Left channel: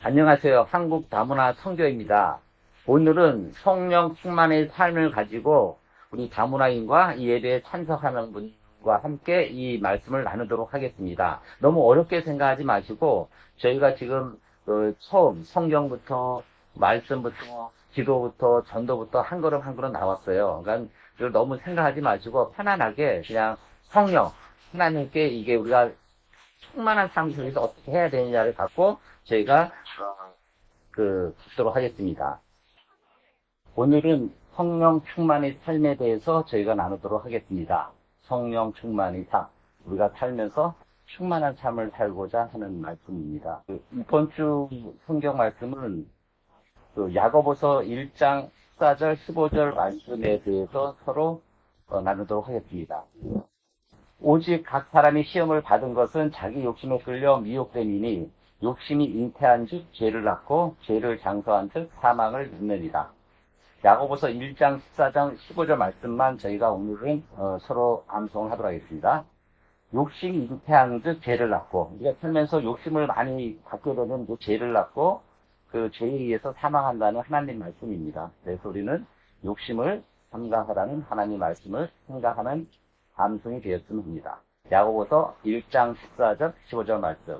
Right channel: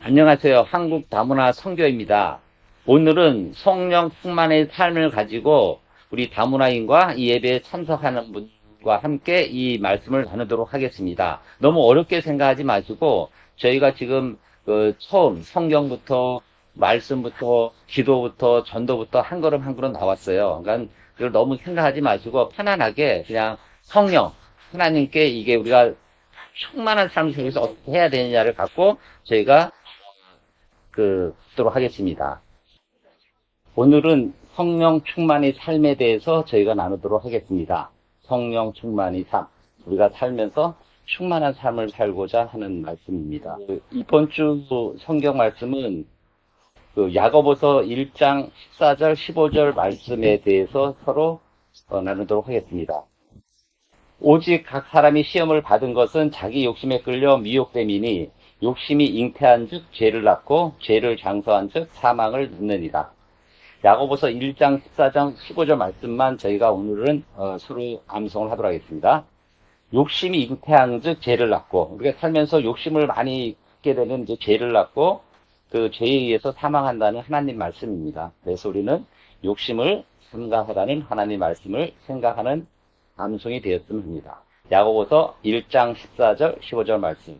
안녕하세요. 한국 다문화 선교입니다. 오늘은 성령 충만의 삶을 가지고 우리 다문화인과 이 예배에 참석하는 분과 함께 이 말씀을 나누도록 하겠습니다. 너무 어렵게 생각하지 마시고 저희가 지금 처음 성경부터 말씀부터 기도부터 전도부터 한 걸음 한 걸음 나왔어요. 그러니까 그걸 너무 생각하지 마시고 편안하게 그냥 성령 하나님께 이게 우리가 충만한 삶을 속에서 어떻게 해야 되느냐를 갖고 저희가 듣도록 하겠습니다. 오늘은 성령 충만의 삶에 대해서 저희가 나누도록 하겠습니다. 성령 충만의 삶. 우리가 살면서 충만한 삶을 살고자 하는 말씀입니다. 이번 주 성경 말씀은 야고보서 1장 14절, 15절 말씀에 대해서 서로 나누도록 하겠습니다. 오직 각 사람이 시험을 받은 것은 자기 욕심에 끌려 미혹됨이니 욕심이 잉태한 즉 죄를 낳고 죄를 장서한 즉 사망을 낳느니라. 야고보서 1장 14장 15절 말씀만 저희가 오늘은 서로 암송을 하도록 하겠습니다. 욕심이 잉태한 즉 죄를 낳고, 우리가 살면서 욕심을 많이 갖게 되는 이제 죄를 낳고 그 죄에 의해서 사망한다는 하나님 말씀입니다. 그래서 우리는 욕심을 삼가하라는 하나님 말씀을 생각하는 암송이 되었으면 합니다. 야고보서 1장 14절 15절 말씀.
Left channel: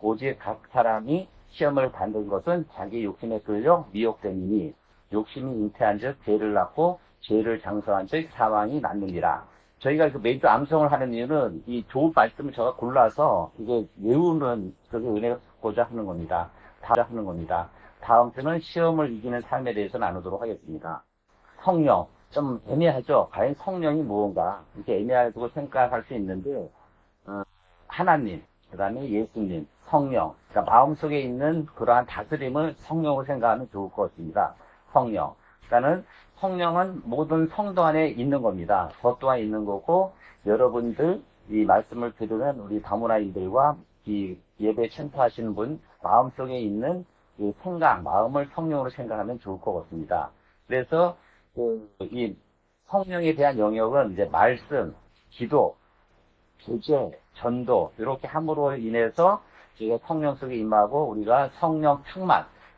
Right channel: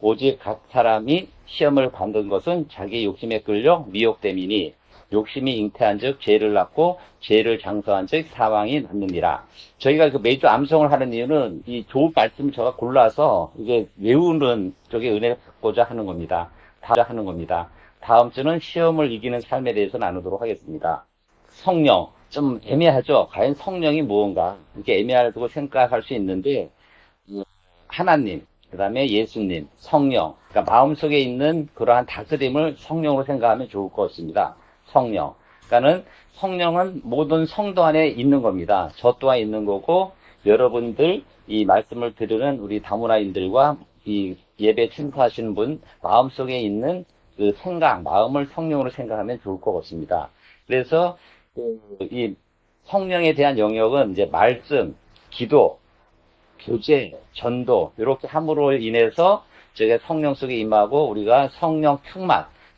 오직 각 사람이 시험을 받는 것은 자기 욕심에 끌려 미혹됨이니 욕심이 잉태한 즉 죄를 낳고 죄를 장서한 즉 사망이 낳느니라. 저희가 매주 암송을 하는 이유는 이 좋은 말씀을 제가 골라서 이게 외우는 쪽에 은혜를 받고자 하는 겁니다. 다음 주는 시험을 이기는 삶에 대해서 나누도록 하겠습니다. 성령. 좀 애매하죠. 과연 성령이 무언가 이렇게 애매하다고 생각할 수 있는데 하나님, 그 다음에 예수님, 성령, 그러니까 마음속에 있는 그러한 다스림을 성령으로 생각하면 좋을 것 같습니다. 성령. 그러니까는 성령은 모든 성도 안에 있는 겁니다. 저 또한 있는 거고 여러분들 이 말씀을 들으는 우리 다문화인들과 이 예배 참석하시는 분 마음속에 있는 그 생각, 마음을 성령으로 생각하면 좋을 것 같습니다. 그래서 이 성령에 대한 영역은 이제 말씀, 기도, 교제, 전도 이렇게 함으로 인해서 저희가 성령 속에 임하고 우리가 성령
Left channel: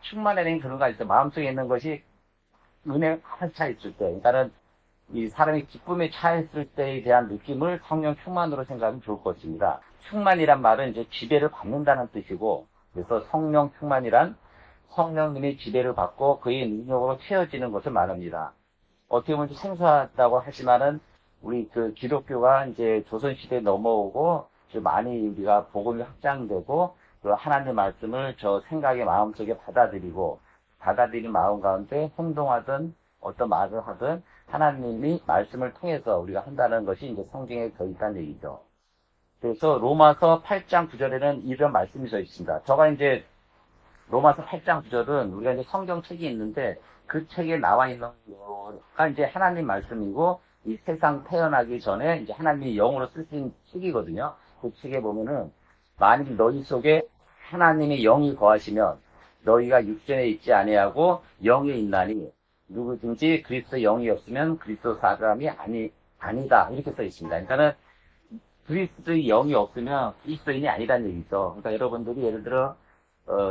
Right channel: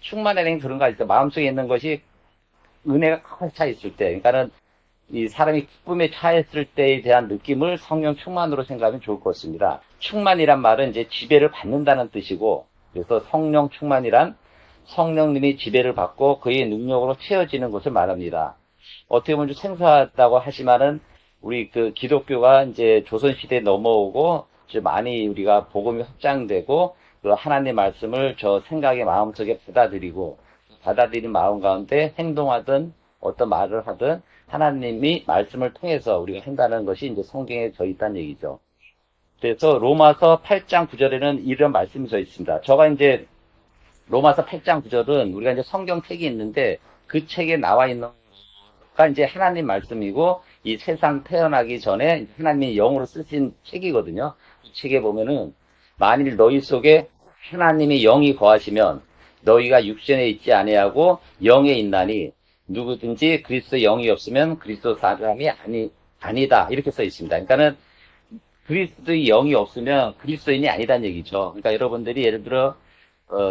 충만이라는 그런 거 있어요. 마음속에 있는 것이 은혜가 가득 차 있을 때, 그러니까는 이 사람이 기쁨에 차있을 때에 대한 느낌을 성령 충만으로 생각하면 좋을 것 같습니다. 충만이란 말은 이제 지배를 받는다는 뜻이고, 그래서 성령 충만이란 성령님이 지배를 받고 그의 능력으로 채워지는 것을 말합니다. 어떻게 보면 좀 생소하다고 하지만은 우리 그 기독교가 이제 조선시대에 넘어오고 이제 많이 우리가 복음이 확장되고 그 하나님 말씀을 저 생각의 마음속에 받아들인 마음 가운데 행동하든 어떤 말을 하든 하나님이 말씀을 통해서 우리가 한다는 것이 이제 성경에 써 있다는 얘기죠. 그래서 로마서 8장 9절에는 이런 말씀이 써 있습니다. 저가 이제 로마서 8장 9절은 우리가 이제 성경책이 있는데 그 책에 나와 있는 거가 이제 하나님 말씀이고 이 세상 태어나기 전에 이제 하나님이 영으로 쓰신 책이거든요. 그 책에 보면은 만일 너희 속에 하나님의 영이 거하시면 너희가 육신에 있지 아니하고 영에 있나니 누구든지 그리스도 영이 없으면 그리스도 사람이 아니다 이렇게 써 있습니다. 그러니까는 그리스도의 영이 없으면 그리스도인이 아니다는 얘기죠. 그러니까 여러분들이 예를 들어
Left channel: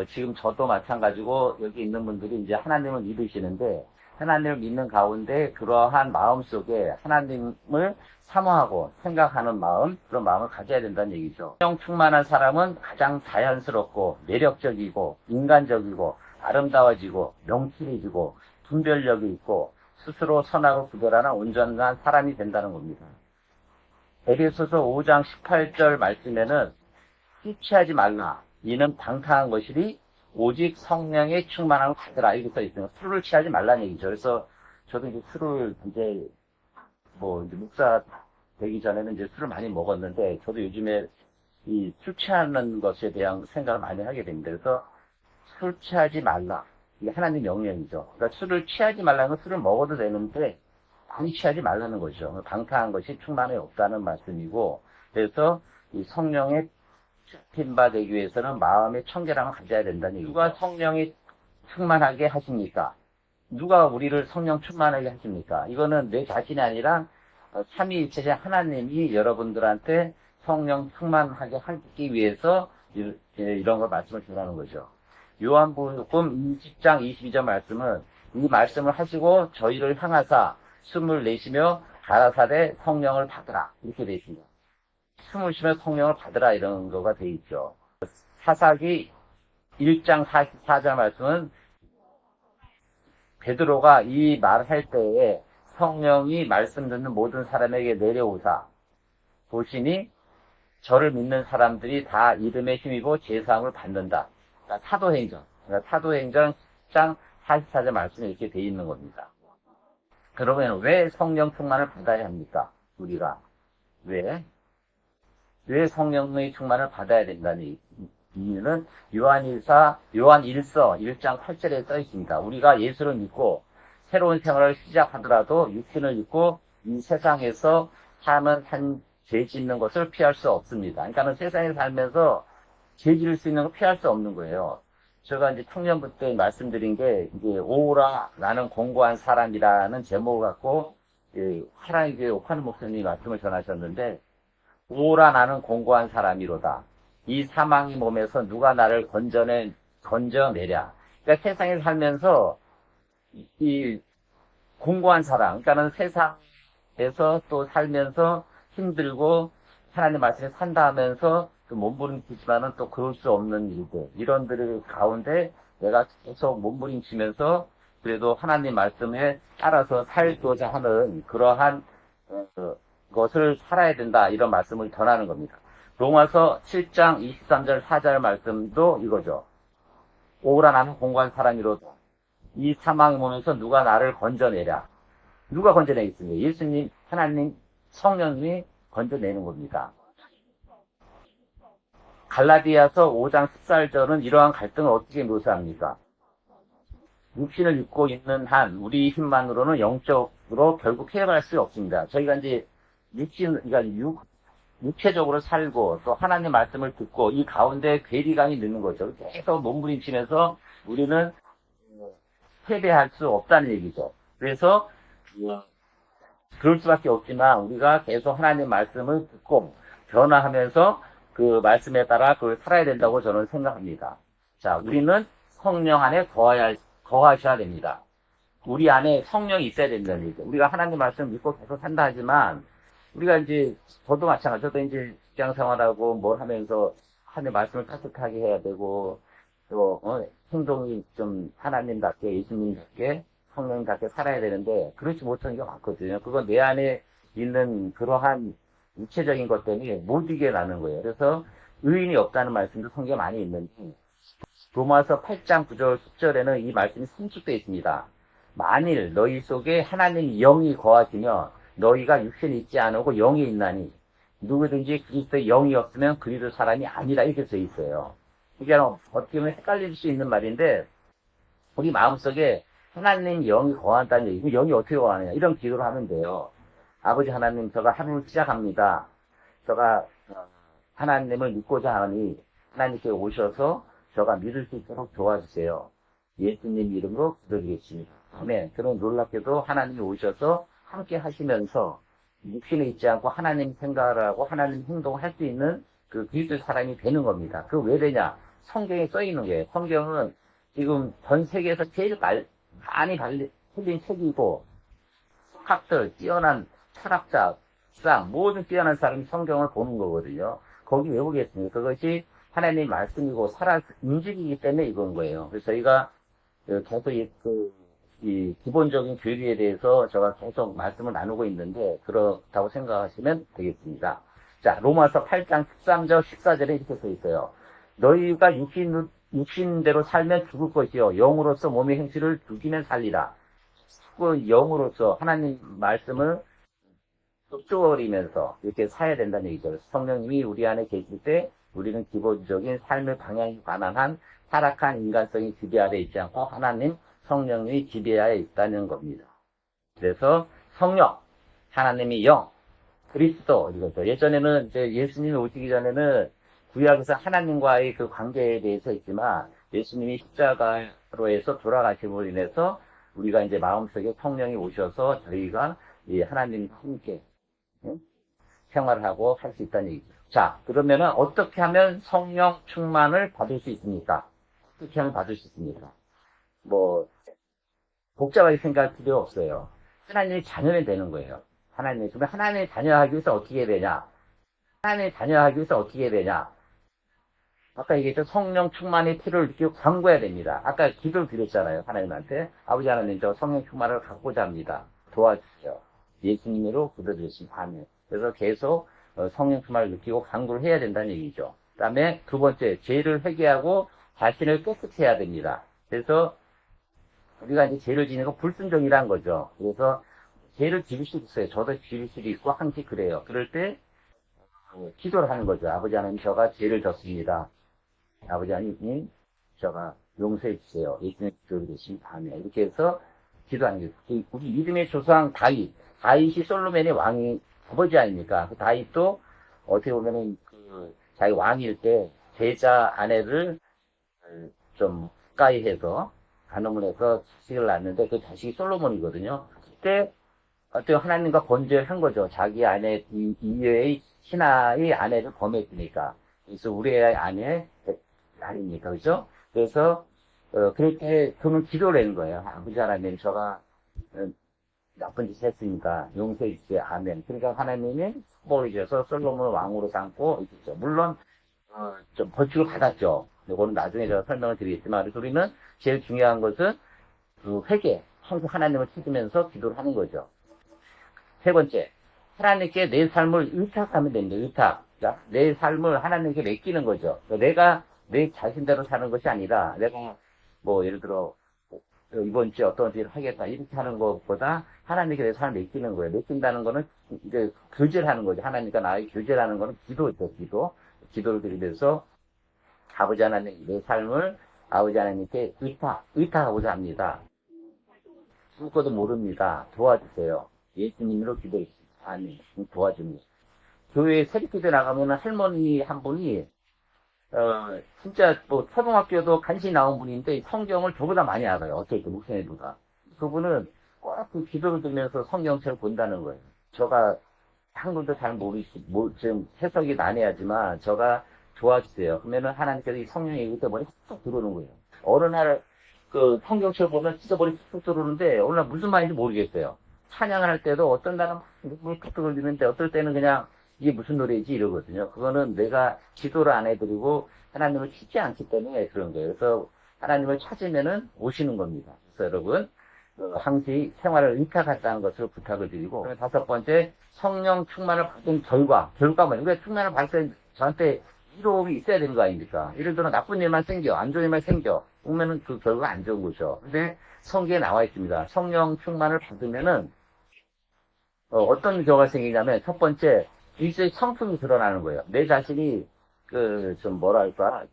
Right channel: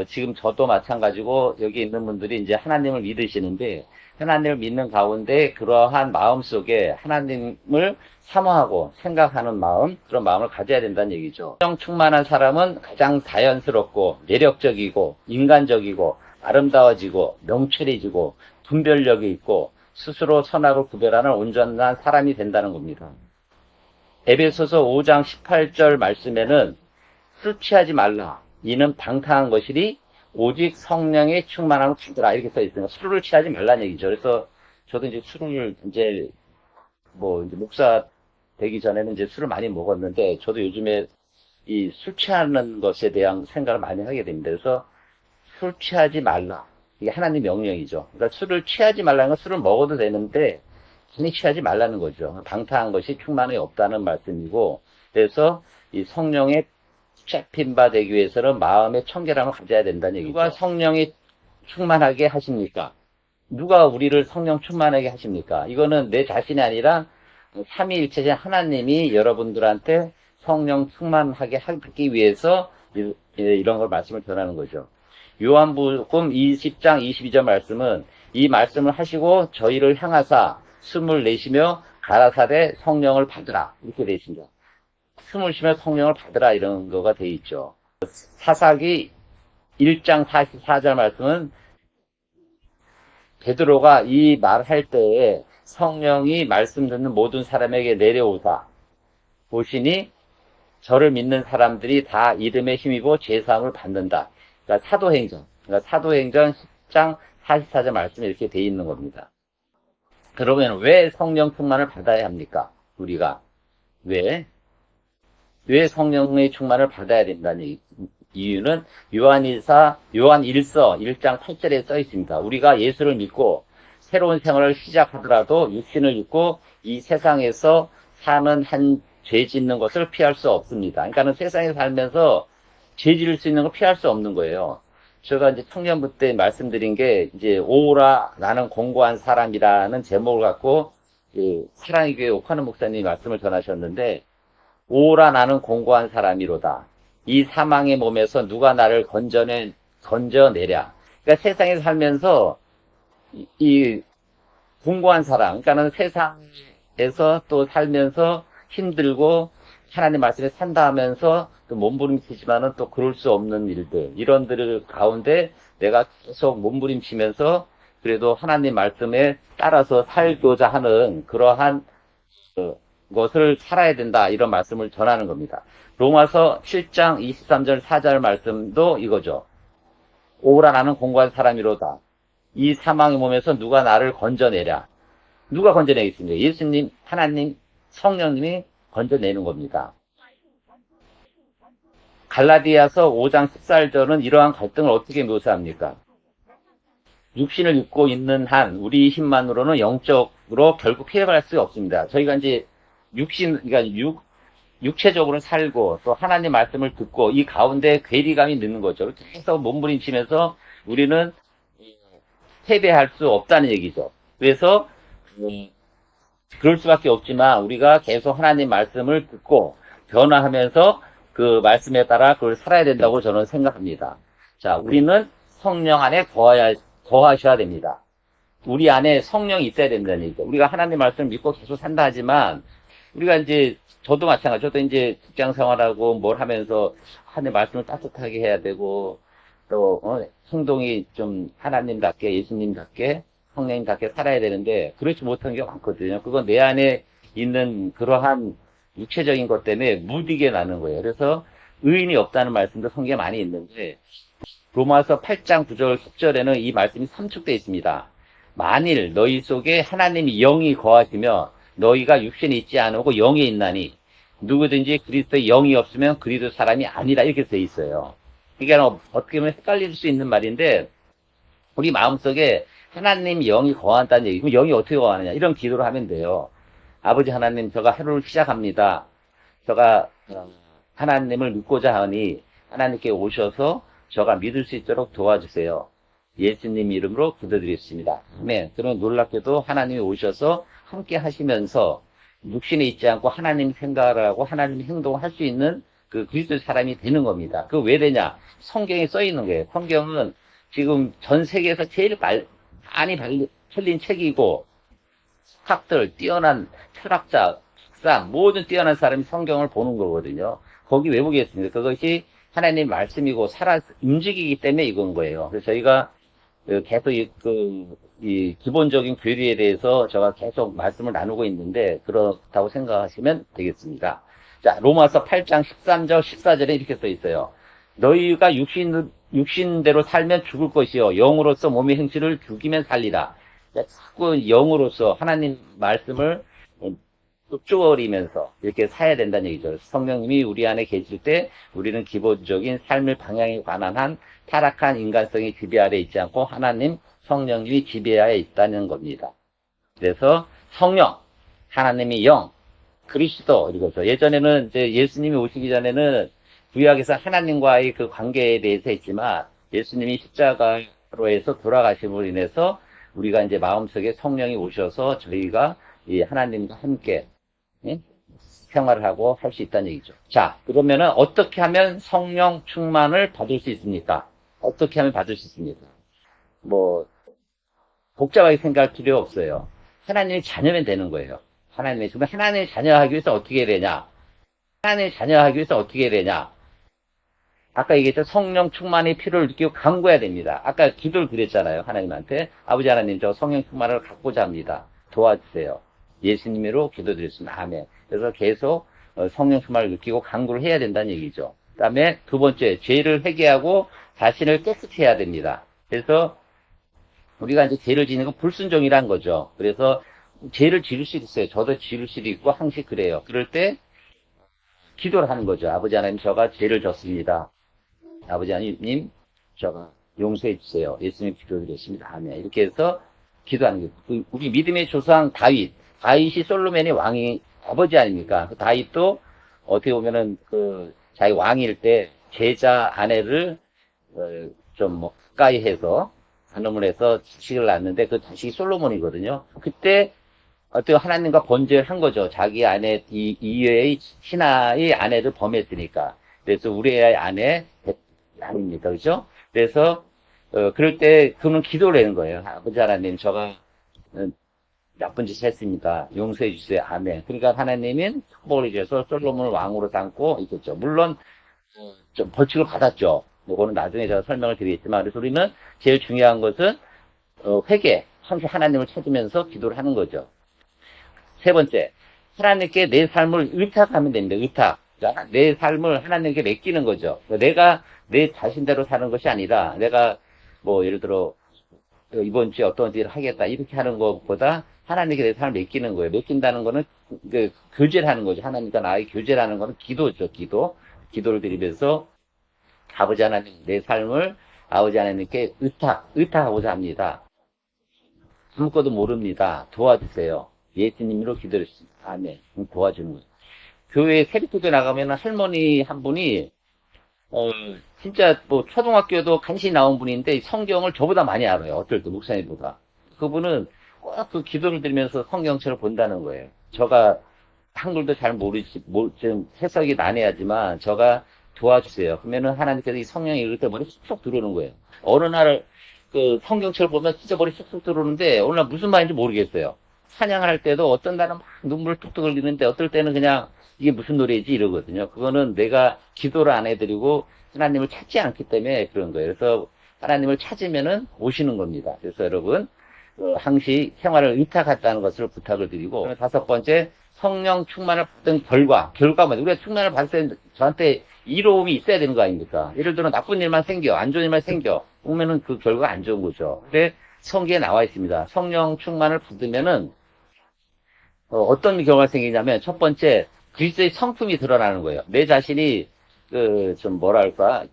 지금 저도 마찬가지고 여기 있는 분들이 이제 하나님을 믿으시는데 하나님을 믿는 가운데 그러한 마음 속에 하나님을 사모하고 생각하는 마음, 그런 마음을 가져야 된다는 얘기죠. 성령 충만한 사람은 가장 자연스럽고 매력적이고 인간적이고 아름다워지고 명철해지고 분별력이 있고 스스로 선악을 구별하는 온전한 사람이 된다는 겁니다. 에베소서 5장 18절 말씀에는 술 취하지 말라. 이는 방탕한 것이니 오직 성령의 충만함을 받으라 이렇게 써 있으니까 술을 취하지 말라는 얘기죠. 그래서 저도 이제 술을 이제 목사 되기 전에는 이제 술을 많이 먹었는데 저도 요즘에 이 술 취하는 것에 대한 생각을 많이 하게 됩니다. 그래서 술 취하지 말라. 이게 하나님 명령이죠. 그러니까 술을 취하지 말라는 건 술을 먹어도 되는데 많이 취하지 말라는 거죠. 방탕한 것이 충만히 없다는 말씀이고 그래서 이 성령의 잡힌 바 되기 위해서는 마음의 청결함을 가져야 된다는 얘기죠. 누가 성령이 충만하게 하십니까? 누가 우리를 성령 충만하게 하십니까? 이거는 내 자신이 아니라 삼위일체신 하나님이 여러분들한테 성령 충만하게 하기 위해서 이런 걸 말씀을 전하는 거죠. 요한복음 20장 22절 말씀은 이 말씀을 하시고 저희를 향하사 숨을 내쉬며 가라사대 성령을 받으라 이렇게 되어 있습니다. 숨을 쉬며 성령을 받으라 이런 거가 되어 있죠. 사사기 1장 44절 말씀은 베드로가 이 말할 때에 성령이 말씀 듣는 모든 사람에게 내려오사 보시니 저를 믿는 사람들이 다 이름에 힘입어 죄사함을 받는다. 그러니까 사도행전 10장 44절 말씀에 이렇게 되어 있는 겁니다. 그러면 왜 성령 충만을 받아야 합니까? 우리가 왜 성령의 충만을 받아야 된다는 이유는 요한 1서 1장 8절에 써 있습니다. 우리가 예수를 믿고 새로운 생활을 시작하더라도 육신을 입고 이 세상에서 사는 한 죄 짓는 것을 피할 수 없습니다. 그러니까 세상에 살면서 죄 지을 수 있는 걸 피할 수 없는 거예요. 제가 이제 청년부 때 말씀드린 게 이제 오라 나는 공고한 사람이라는 제목을 갖고 사랑의 교회 옥하는 목사님이 말씀을 전하셨는데 오라 나는 공고한 사람이로다. 이 사망의 몸에서 누가 나를 건져내랴. 그러니까 세상에 살면서 이 공고한 사람, 그러니까는 세상에서 또 살면서 힘들고 하나님 말씀에 산다 하면서 또 몸부림치지만은 또 그럴 수 없는 일들, 이런들 가운데 내가 계속 몸부림치면서 그래도 하나님 말씀에 따라서 살고자 하는 그러한 것을 살아야 된다, 이런 말씀을 전하는 겁니다. 로마서 7장 23절 4절 말씀도 이거죠. 오라 나는 공고한 사람이로다. 이 사망의 몸에서 누가 나를 건져내랴. 누가 건져내겠습니까? 예수님, 하나님, 성령님이 건져내는 겁니다. 갈라디아서 5장 14절은 이러한 갈등을 어떻게 묘사합니까? 육신을 입고 있는 한 우리 힘만으로는 영적으로 결국 해결할 수 없습니다. 저희가 이제 그러니까 육체적으로 살고 또 하나님 말씀을 듣고 이 가운데 괴리감이 있는 거죠. 계속 몸부림치면서 우리는 패배할 수 없다는 얘기죠. 그래서 그럴 수밖에 없지만 우리가 계속 하나님 말씀을 듣고 변화하면서 그 말씀에 따라 그걸 살아야 된다고 저는 생각합니다. 자, 우리는 성령 안에 거하셔야 됩니다. 우리 안에 성령이 있어야 된다는 얘기죠. 우리가 하나님 말씀을 믿고 계속 산다 하지만 우리가 이제 저도 마찬가지. 저도 이제 직장 생활하고 뭘 하면서 하나님 말씀을 따뜻하게 해야 되고 또 행동이 좀 하나님답게 예수님답게 성령님답게 살아야 되는데 그렇지 못한 게 많거든요. 그건 내 안에 있는 그러한 육체적인 것 때문에 못 이겨 나는 거예요. 그래서 의인이 없다는 말씀도 성경에 많이 있는데 로마서 8장 9절 10절에는 이 말씀이 삼축되어 있습니다. 만일 너희 속에 하나님이 영이 거하시며 너희가 육신에 있지 않고 영에 있나니 누구든지 그리스도의 영이 없으면 그리스도 사람이 아니라 이렇게 써 있어요. 이게 어떻게 보면 헷갈릴 수 있는 말인데 우리 마음속에 하나님 영이 거한다는 얘기. 그럼 영이 어떻게 거하느냐? 이런 기도를 하면 돼요. 아버지 하나님, 제가 하루를 시작합니다. 제가 하나님을 믿고자 하니 하나님께 오셔서 제가 믿을 수 있도록 도와주세요. 예수님 이름으로 기도드리겠습니다. 아멘. 그러면 놀랍게도 하나님이 오셔서 함께 하시면서 육신에 있지 않고 하나님 생각을 하고 하나님 행동을 할 수 있는 그 그리스도의 사람이 되는 겁니다. 그 왜 되냐? 성경에 써 있는 거예요. 성경은 지금 전 세계에서 제일 많이 팔린 책이고 석학들, 뛰어난 철학자, 박사, 모든 뛰어난 사람이 성경을 보는 거거든요. 거기 왜 보겠습니까? 그것이 하나님 말씀이고 살아 움직이기 때문에 이건 거예요. 그래서 저희가 계속 이 기본적인 교리에 대해서 제가 계속 말씀을 나누고 있는데 그렇다고 생각하시면 되겠습니다. 자, 로마서 8장 13절 14절에 이렇게 써 있어요. 너희가 육신대로 살면 죽을 것이요 영으로서 몸의 행실을 죽이면 살리라. 자꾸 영으로서 하나님 말씀을 쫓아버리면서 이렇게 살아야 된다는 얘기죠. 성령님이 우리 안에 계실 때 우리는 기본적인 삶의 방향에 관한 한 타락한 인간성이 지배 아래 있지 않고 하나님 성령님이 지배하에 있다는 겁니다. 그래서 성령, 하나님의 영, 그리스도 이거죠. 예전에는 이제 예수님이 오시기 전에는 구약에서 하나님과의 그 관계에 대해서 했지만 예수님이 십자가로 해서 돌아가심으로 인해서 우리가 이제 마음속에 성령이 오셔서 저희가 이 하나님과 함께 생활을 하고 할 수 있다는 얘기죠. 자, 그러면은 어떻게 하면 성령 충만을 받을 수 있습니까? 어떻게 하면 받을 수 있습니까? 뭐, 복잡하게 생각할 필요 없어요. 하나님의 자녀면 되는 거예요. 하나님의 자녀하기 위해서 어떻게 해야 되냐? 하나님의 자녀하기 위해서 어떻게 해야 되냐? 아까 얘기했죠. 성령 충만의 필요를 느끼고 간구해야 됩니다. 아까 기도를 드렸잖아요. 하나님한테. 아버지 하나님, 저 성령 충만을 갖고자 합니다. 도와주세요. 예수님으로 기도드렸습니다. 아멘. 그래서 계속 성령 충만을 느끼고 간구를 해야 된다는 얘기죠. 그 다음에 두 번째, 죄를 회개하고 자신을 깨끗이 해야 됩니다. 그래서 우리가 이제 죄를 지는 거 불순종이란 거죠. 그래서 죄를 지을 수 있어요. 저도 지을 수도 있고 항상 그래요. 그럴 때 기도를 하는 거죠. 아버지 하나님, 저가 죄를 졌습니다. 아버지 하나님, 저가 용서해 주세요. 예수님 기도드렸습니다. 아멘. 이렇게 해서 기도하는 거예요. 우리 믿음의 조상 다윗이 솔로몬의 왕이 아버지 아닙니까? 그 다윗도 어떻게 보면은 자기 왕일 때 제자 아내를 좀 뭐 가까이 해서 간음을 해서 자식을 낳았는데 그 자식이 솔로몬이거든요. 그때 어떻게 하나님과 번제를 한 거죠. 자기 아내 이외의 신하의 아내를 범했으니까. 그래서 우리의 아내 아닙니까, 그죠? 그래서 그럴 때 그는 기도를 하는 거예요. 아버지 하나님, 저가 나쁜 짓을 했으니까 용서해 주세요. 아멘. 그러니까 하나님은 축복을 주셔서 솔로몬을 왕으로 삼고 있겠죠. 물론 좀 벌칙을 받았죠. 이거는 나중에 제가 설명을 드리겠지만, 그래서 우리는 제일 중요한 것은 회개, 하나님을 찾으면서 기도를 하는 거죠. 세 번째, 하나님께 내 삶을 의탁하면 됩니다. 의탁. 내 삶을 하나님께 맡기는 거죠. 내가 내 자신대로 사는 것이 아니라 내가 뭐 예를 들어 이번 주에 어떤 일을 하겠다 이렇게 하는 것보다 하나님께 내 삶을 맡기는 거예요. 맡긴다는 거는 교제를 하는 거죠. 하나님과 나의 교제를 하는 거는 기도죠. 기도를 드리면서 아버지 하나님, 내 삶을 아버지 하나님께 의탁하고자 합니다. 아무것도 모릅니다. 도와주세요. 예수님으로 기도했습니다. 아멘. 도와주는 거죠. 교회에 새벽기도 나가면 할머니 한 분이 진짜 뭐 초등학교도 간신히 나온 분인데 성경을 저보다 많이 알아요. 어떨 때 목사님보다. 그분은 꼭 그 기도를 드리면서 성경책을 본다는 거예요. 저가 한글도 잘 모르지, 좀 해석이 난해하지만 저가 도와주세요. 그러면은 하나님께서 이 성령이 읽을 때 머리 쏙쏙 들어오는 거예요. 어느 날 그 성경책을 보면 진짜 머리 쏙쏙 들어오는데 오늘 날 무슨 말인지 모르겠어요. 찬양할 때도 어떤 날은 막 눈물 뚝뚝 흘리는데 어떨 때는 그냥 이게 무슨 노래지 이러거든요. 그거는 내가 기도를 안 해드리고 하나님을 찾지 않기 때문에 그런 거예요. 그래서 하나님을 찾으면은 오시는 겁니다. 그래서 여러분 항시 생활을 의탁하다는 것을 부탁을 드리고 다섯 번째 성령 충만을 받은 결과만 우리가 충만을 받을 때 저한테 이로움이 있어야 되는 거 아닙니까? 예를 들어 나쁜 일만 생겨 안 좋은 일만 생겨 그러면은 그 결과가 안 좋은 거죠. 근데 성경에 나와 있습니다. 성령 충만을 받으면은 어떤 결과가 생기냐면 첫 번째 그리스도의 성품이 드러나는 거예요. 내 자신이 좀 뭐랄까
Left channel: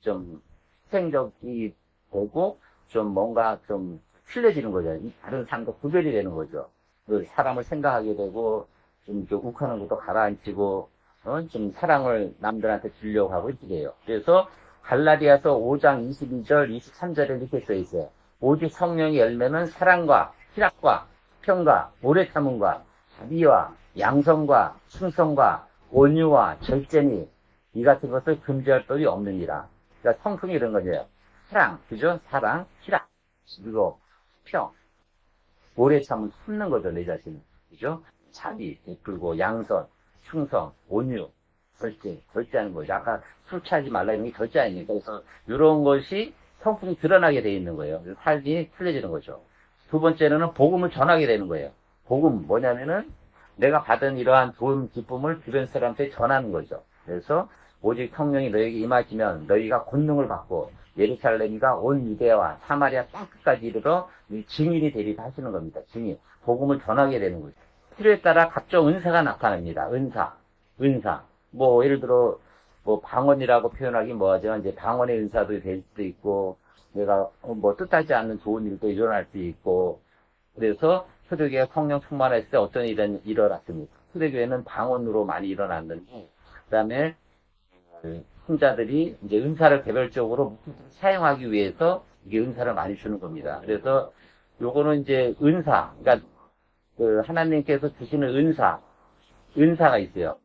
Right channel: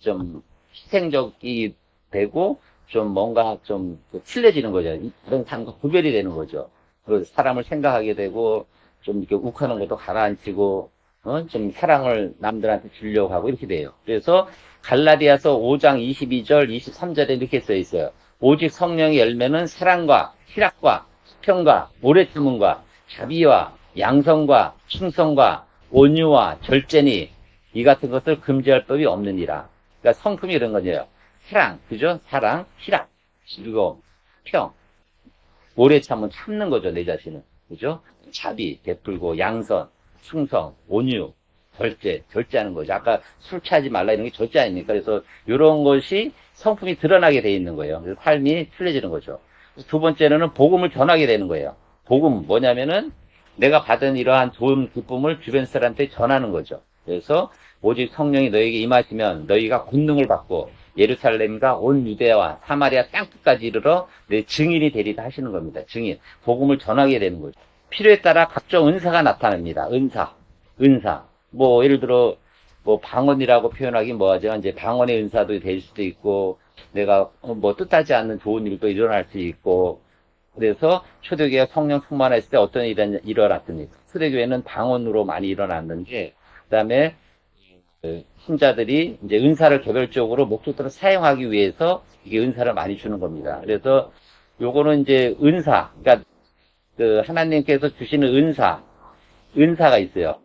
좀 희생적이 되고 좀 뭔가 좀 틀려지는 거죠. 다른 사람과 구별이 되는 거죠. 사람을 생각하게 되고 좀 이렇게 욱하는 것도 가라앉히고 좀 사랑을 남들한테 주려고 하고 이렇게 돼요. 그래서 갈라디아서 5장 22절 23절에 이렇게 써 있어요. 오직 성령의 열매는 사랑과 희락과 수평과 오래 참음과 자비와 양성과 충성과 온유와 절제니 이 같은 것을 금지할 법이 없느니라. 그러니까 성품이 이런 거예요. 사랑, 그죠? 사랑, 희락, 그리고 평, 오래 참는 거죠, 내 자신은. 그죠? 자비, 베풀고, 양선, 충성, 온유, 절제하는 거죠. 아까 술 취하지 말라 이런 게 절제 아닙니까? 그래서 이런 것이 성품이 드러나게 돼 있는 거예요. 그래서 삶이 틀려지는 거죠. 두 번째는 복음을 전하게 되는 거예요. 복음 뭐냐면은 내가 받은 이러한 좋은 기쁨을 주변 사람한테 전하는 거죠. 그래서 오직 성령이 너에게 임하시면 너희가 권능을 받고 예루살렘과 온 유대와 사마리아 땅끝까지 이르러 내 증인이 되리다 하시는 겁니다. 증인. 복음을 전하게 되는 거죠. 필요에 따라 각종 은사가 나타납니다. 은사. 뭐 예를 들어 뭐 방언이라고 표현하기 뭐하죠. 이제 방언의 은사도 될 수도 있고 내가 뭐 뜻하지 않는 좋은 일도 일어날 수 있고 그래서 초대교회가 성령 충만했을 때 어떤 일이 일어났습니까? 초대교회는 방언으로 많이 일어났는데 그다음에 신자들이 이제 은사를 개별적으로 목적대로 사용하기 위해서 이게 은사를 많이 주는 겁니다. 그래서 요거는 이제 은사, 그러니까 하나님께서 주시는 은사, 은사가 있어요.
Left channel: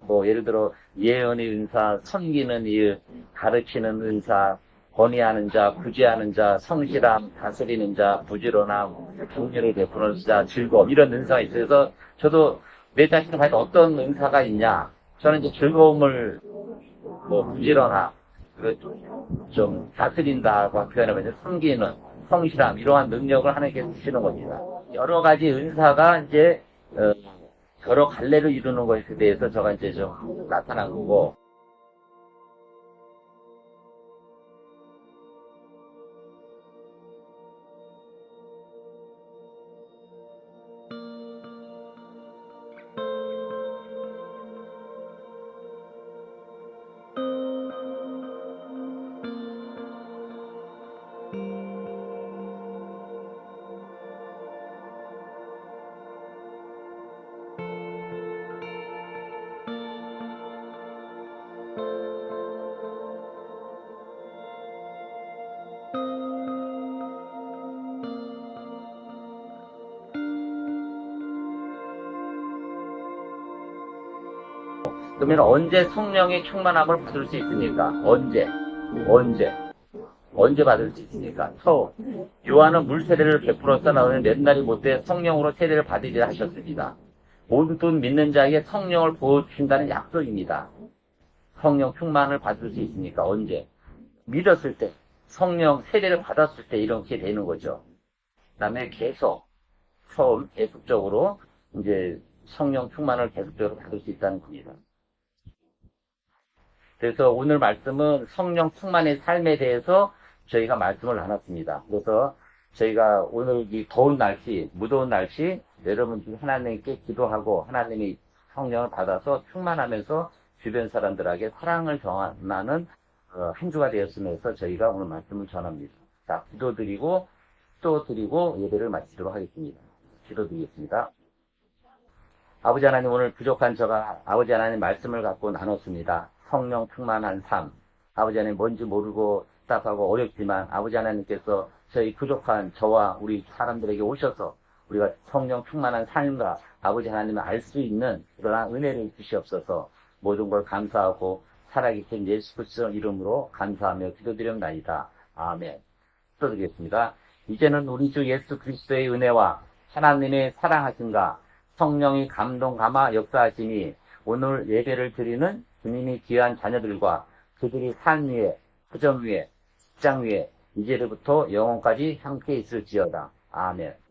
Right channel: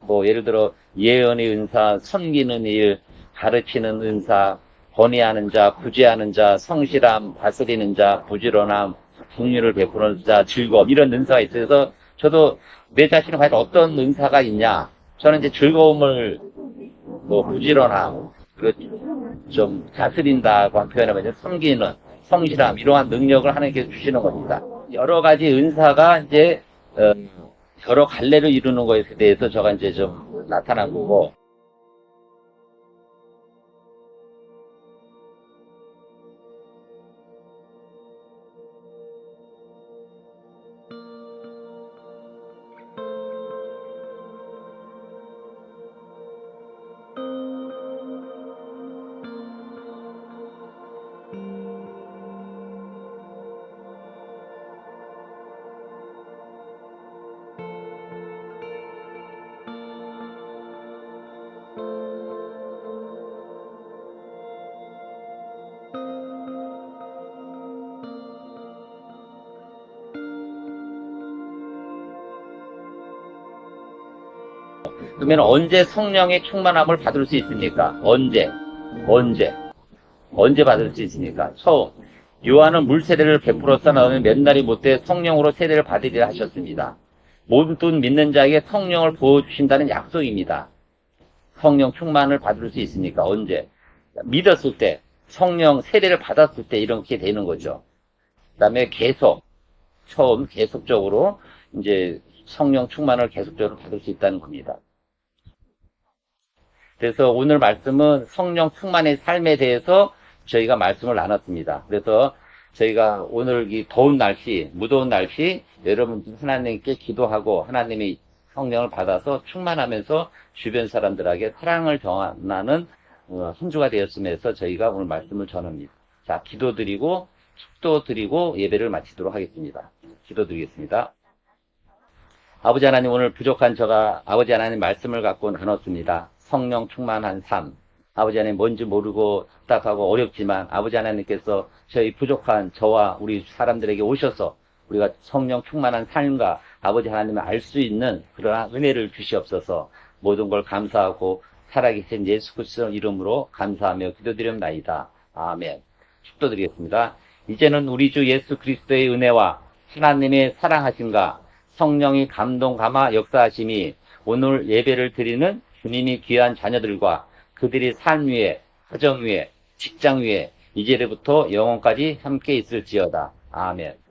뭐 예를 들어 예언의 은사, 섬기는 일, 가르치는 은사, 권위하는 자, 구제하는 자, 성실함, 다스리는 자, 부지런함, 긍휼을 베푸는 자, 즐거움 이런 은사가 있어서 저도 내 자신은 과연 어떤 은사가 있냐? 저는 이제 즐거움을 뭐 부지런함, 그리고 좀 다스린다고 표현하면 이제 섬기는 성실함 이러한 능력을 하나님께서 주시는 겁니다. 여러 가지 은사가 이제 여러 갈래를 이루는 것에 대해서 저가 이제 좀 나타난 거고. 그러면 언제 성령의 충만함을 받을 수 있습니까? 언제 받을 수 있습니까? 처음 요한은 물 세례를 베풀었다 나오면 몇 날이 못돼 성령으로 세례를 받으리라 하셨습니다. 모든 믿는 자에게 성령을 부어주신다는 약속입니다. 성령 충만을 받을 수 있으니까 언제? 믿었을 때, 성령 세례를 받았을 때 이렇게 되는 거죠. 그 다음에 처음 계속적으로 이제 성령 충만을 계속적으로 받을 수 있다는 겁니다. 그래서 오늘 말씀은 성령 충만의 삶에 대해서 저희가 말씀을 나눴습니다. 그래서 저희가 오늘 이 더운 날씨, 무더운 날씨, 여러분 하나님께 기도하고 하나님의 성령을 받아서 충만하면서 주변 사람들에게 사랑을 전하는 한 주가 되었으면서 저희가 오늘 말씀을 전합니다. 자, 기도드리고 축도드리고 예배를 마치도록 하겠습니다. 기도드리겠습니다. 아버지 하나님, 오늘 부족한 저가 아버지 하나님 말씀을 갖고 나눴습니다. 성령 충만한 삶. 아버지 하나님 뭔지 모르고 답답하고 어렵지만 아버지 하나님께서 저희 부족한 저와 우리 사람들에게 오셔서 우리가 성령 충만한 삶과 아버지 하나님을 알 수 있는 그러한 은혜를 주시옵소서. 모든 걸 감사하고 살아계신 예수 그리스도 이름으로 감사하며 기도드렸나이다. 아멘. 축도드리겠습니다. 이제는 우리 주 예수 그리스도의 은혜와 하나님의 사랑하심과 성령이 감동 감화 역사하심이 오늘 예배를 드리는 주님이 귀한 자녀들과 그들이 삶 위에, 가정 위에, 직장 위에 이제부터 영원까지 함께 있을지어다. 아멘.